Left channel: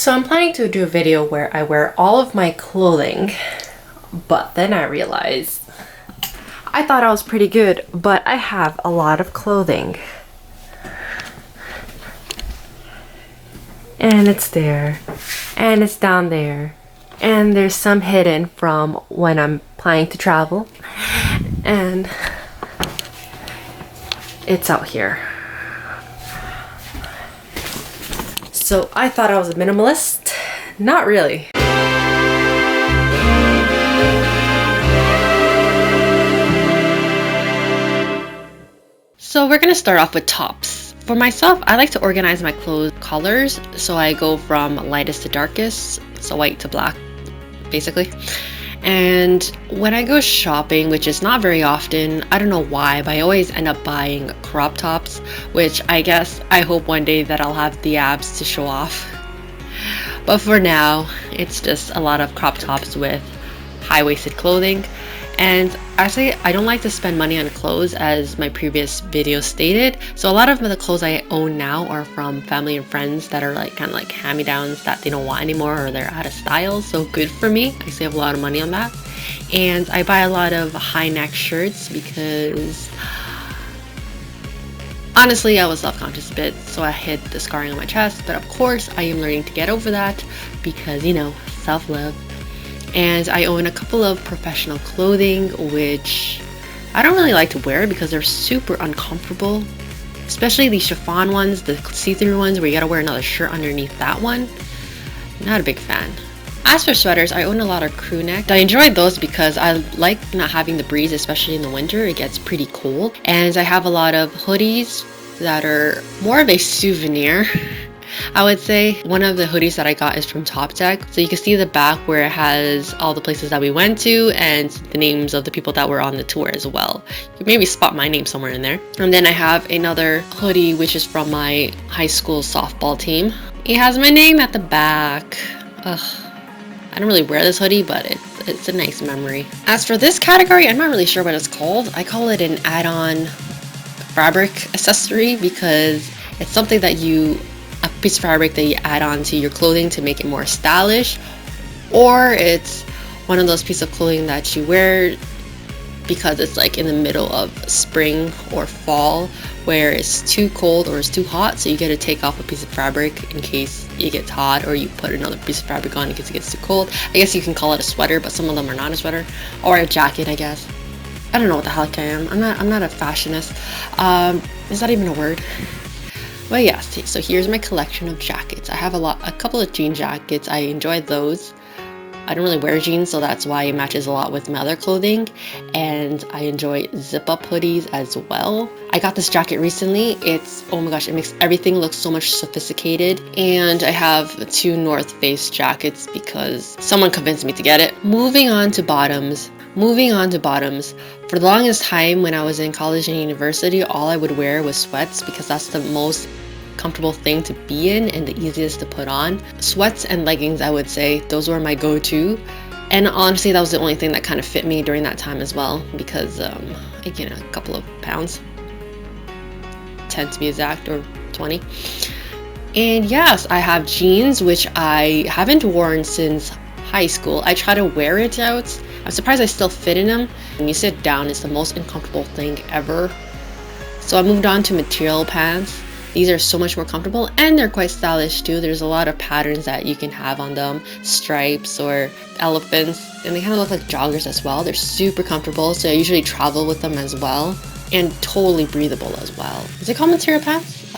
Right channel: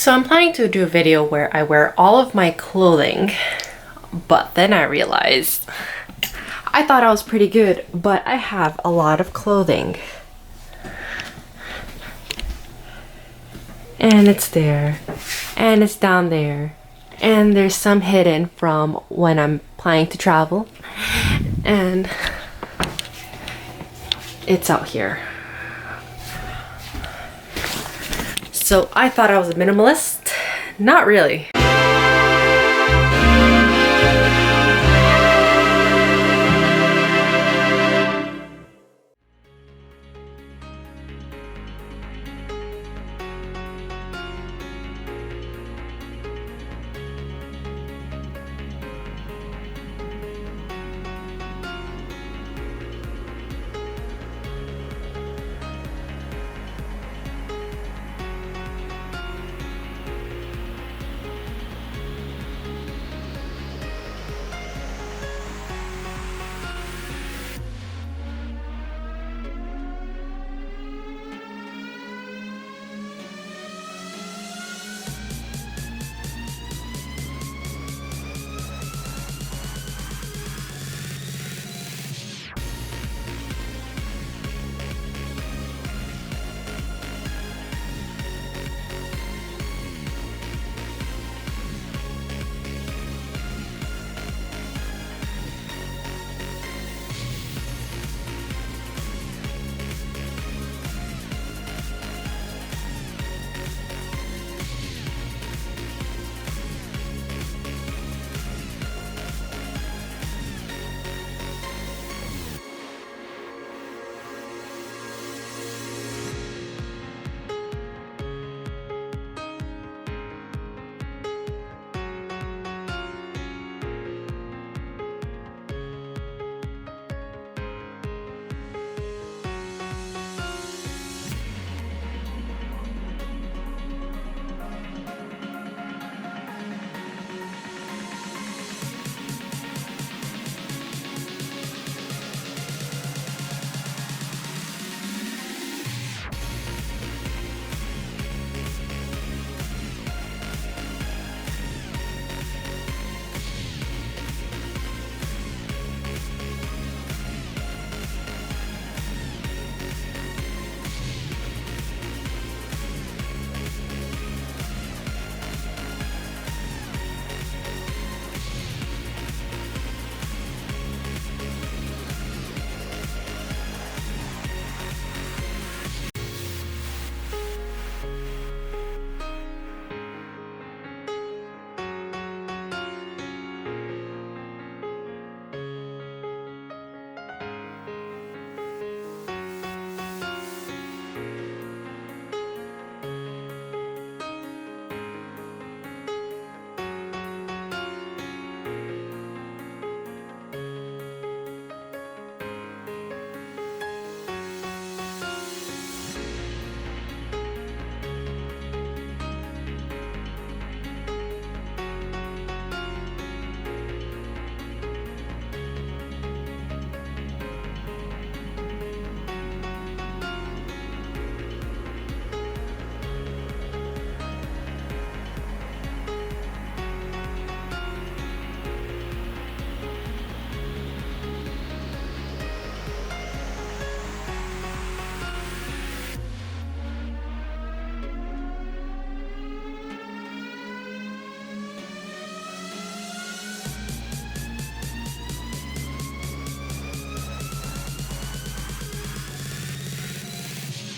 So I'm planning to do a video where I wear all of my clothing, but then I realized I thought I was pretty good, but I have a lot of clothing. And it's there, and it's down there, and there's some hidden from when I'm planning to travel, and it's out here. So I thought I was a minimalist. Not really. So we're gonna start off with tops. For myself, I like to organize my clothes colors, so I go from lightest to darkest, so white to black, basically. And when I go shopping, which is not very often, I don't know why, but I always end up buying crop tops, which I guess I hope one day that I'll have the abs to show off. But for now, it's just a lot of crop tops with high-waisted clothing. And actually, I don't like to spend money on clothes, as my previous video stated. So a lot of the clothes I own now are from family and friends that are like kind of like hand-me-downs that they don't want anymore, or they're out of style. So good for me. I save a lot of money on that. And I buy a lot of high-neck shirts because honestly, I was self-conscious a bit, so I hid the scarring on my chest. But of course, I am learning to get over that because, you know, self-love. And I own a couple of professional clothing, which I don't really like to wear because they're super uncomfortable. Especially the chiffon ones, the see-through ones where you gotta wear another shirt underneath that one. Not a big fan. As for sweaters, I own a lot of crew neck. I enjoy those because I like not having the breeze, especially in the winter. It gets pretty cold. And I have a lot of hoodies that are more of a souvenir. I would say one of the hoodies that I got is from Top Deck. So you can see the back where it has all the places that we went to and the names of the people that were on the tour as well. You can maybe spot my name somewhere in there. And then I have another hoodie which is from my high school softball team. It has my name at the back. Ugh. I don't really wear this hoodie, but it's a nice memory. As for this category, I'm not really sure what it's called. I call it an add-on fabric accessory because it's something that a piece of fabric that you add on to your clothing to make it more stylish, or it's one of those pieces of clothing that you wear because it's like in the middle of spring or fall where it's too cold or it's too hot, so you get to take off a piece of fabric in case it gets hot, or you put another piece of fabric on in case it gets too cold. I guess you can call it a sweater, but some of them are not a sweater, or a jacket, I guess. I don't know what the heck I am. I'm not a fashionist. Is that even a word? But yeah, so here's my collection of jackets. I have a couple of jean jackets. I enjoy those. I don't really wear jeans, so that's why it matches a lot with my other clothing. And I enjoy zip-up hoodies as well. I got this jacket recently. Oh my gosh, it makes everything look so much sophisticated. And I have 2 North Face jackets because someone convinced me to get it. Moving on to bottoms. For the longest time when I was in college and university, all I would wear was sweats because that's the most comfortable thing to be in and the easiest to put on. Sweats and leggings, I would say, those were my go-to. And honestly, that was the only thing that kind of fit me during that time as well because I gained a couple of pounds, 10 to be exact, or 20. And yes, I have jeans, which I haven't worn since high school. I try to wear it out. I'm surprised I still fit in them. When you sit down, it's the most uncomfortable thing ever. So I moved on to material pants. These are so much more comfortable and they're quite stylish too. There's a lot of patterns that you can have on them, stripes or elephants, and they kind of look like joggers as well. They're super comfortable, so I usually travel with them as well, and totally breathable as well. Is it called material pants?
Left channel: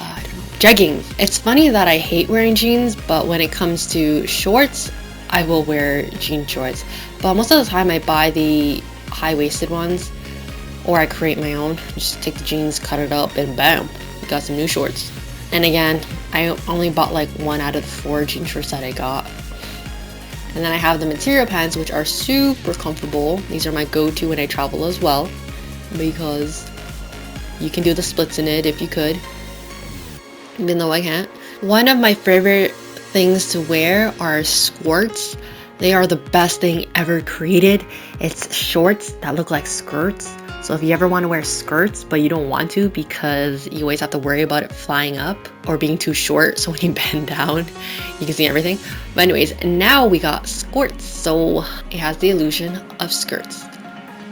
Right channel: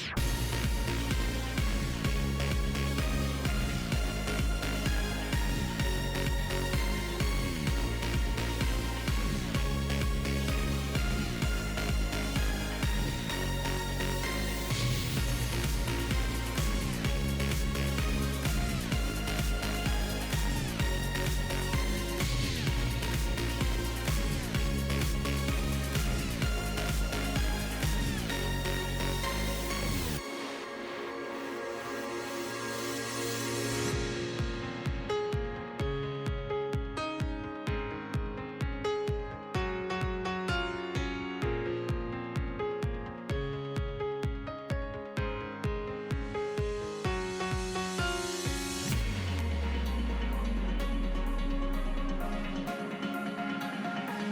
Jeggings. It's funny that I hate wearing jeans, but when it comes to shorts, I will wear jean shorts. But most of the time I buy the high-waisted ones, or I create my own. Just take the jeans, cut it up, and bam, got some new shorts. And again, I only bought like 1 out of the 4 jean shorts that I got. And then I have the material pants, which are super comfortable. These are my go-to when I travel as well, because you can do the splits in it if you could, even though I can't. One of my favorite things to wear are skirts. They are the best thing ever created. It's shorts that look like skirts, So if you ever want to wear skirts but you don't want to because you always have to worry about it flying up or being too short, so when you bend down you can see everything. But anyways, now we got skirts, so it has the illusion of skirts,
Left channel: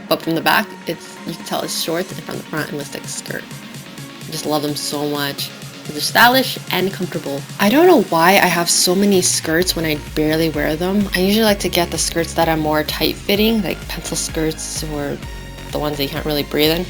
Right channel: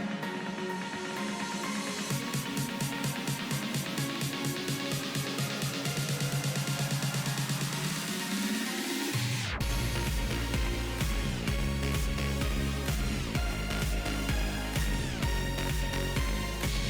but from the back you can tell it's shorts, and from the front it looks like a skirt. I just love them so much. They're stylish and comfortable. I don't know why I have so many skirts when I barely wear them. I usually like to get the skirts that are more tight-fitting, like pencil skirts or the ones that you can't really breathe in.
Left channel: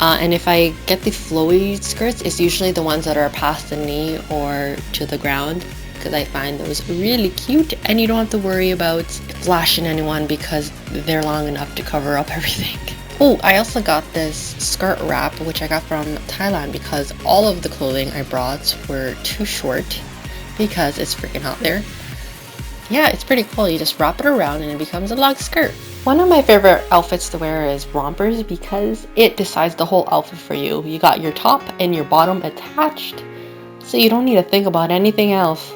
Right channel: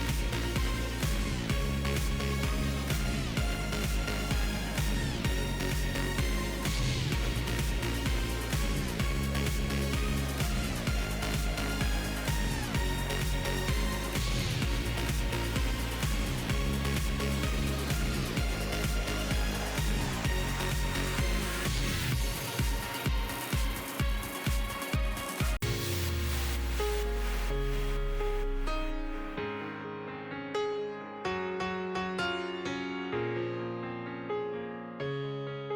And if I get the flowy skirts, it's usually the ones that are past the knee or to the ground, because I find those really cute and you don't have to worry about flashing anyone because they're long enough to cover up everything. Oh, I also got this skirt wrap, which I got from Thailand because all of the clothing I brought were too short because it's freaking hot there. Yeah, it's pretty cool. You just wrap it around and it becomes a long skirt. One of my favorite outfits to wear is rompers because it decides the whole outfit for you. You got your top and your bottom attached, so you don't need to think about anything else.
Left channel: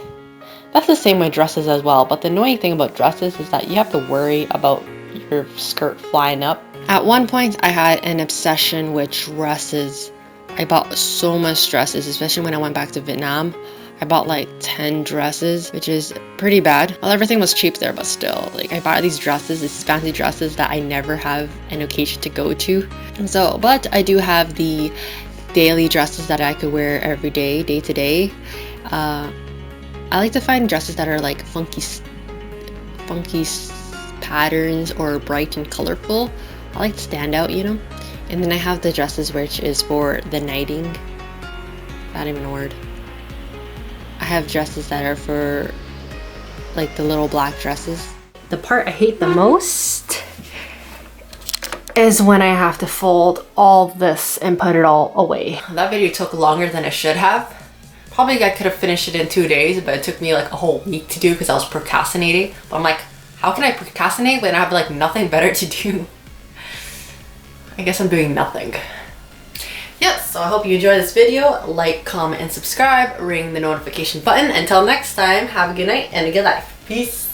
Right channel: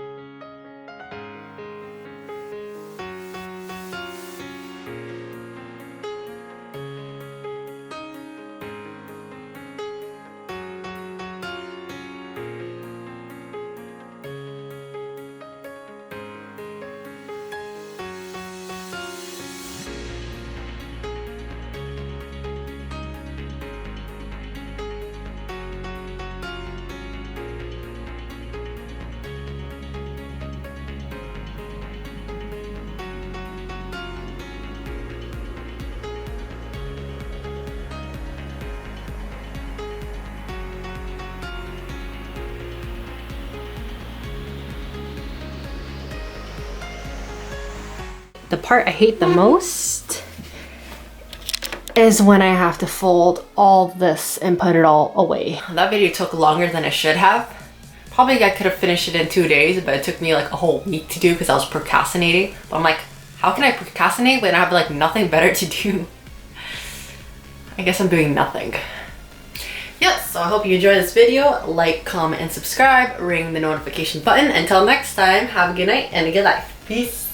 That's the same with dresses as well, but the annoying thing about dresses is that you have to worry about your skirt flying up. At one point, I had an obsession with dresses. I bought so much dresses, especially when I went back to Vietnam. I bought like 10 dresses, which is pretty bad. Well, everything was cheap there, but still, like I bought these dresses, these fancy dresses that I never have an occasion to go to. And so, but I do have the daily dresses that I could wear every day, day to day. I like to find dresses that are like funky patterns or bright and colorful. I like to stand out, you know. And then I have the dresses which is for the nighting. Not even a word. I have dresses that are for like the little black dresses. The part I hate the most is when I have to fold all this and put it all away. That video took longer than it should have. Probably I could have finished it in 2 days, but it took me like a whole week to do because I was procrastinating. But I'm like, how can I procrastinate when I have like nothing better to do? I guess I'm doing nothing. Yes, so I hope you enjoyed this video. Like, comment, and subscribe. Ring the notification button. Until next time, have a good night and a good life. Peace.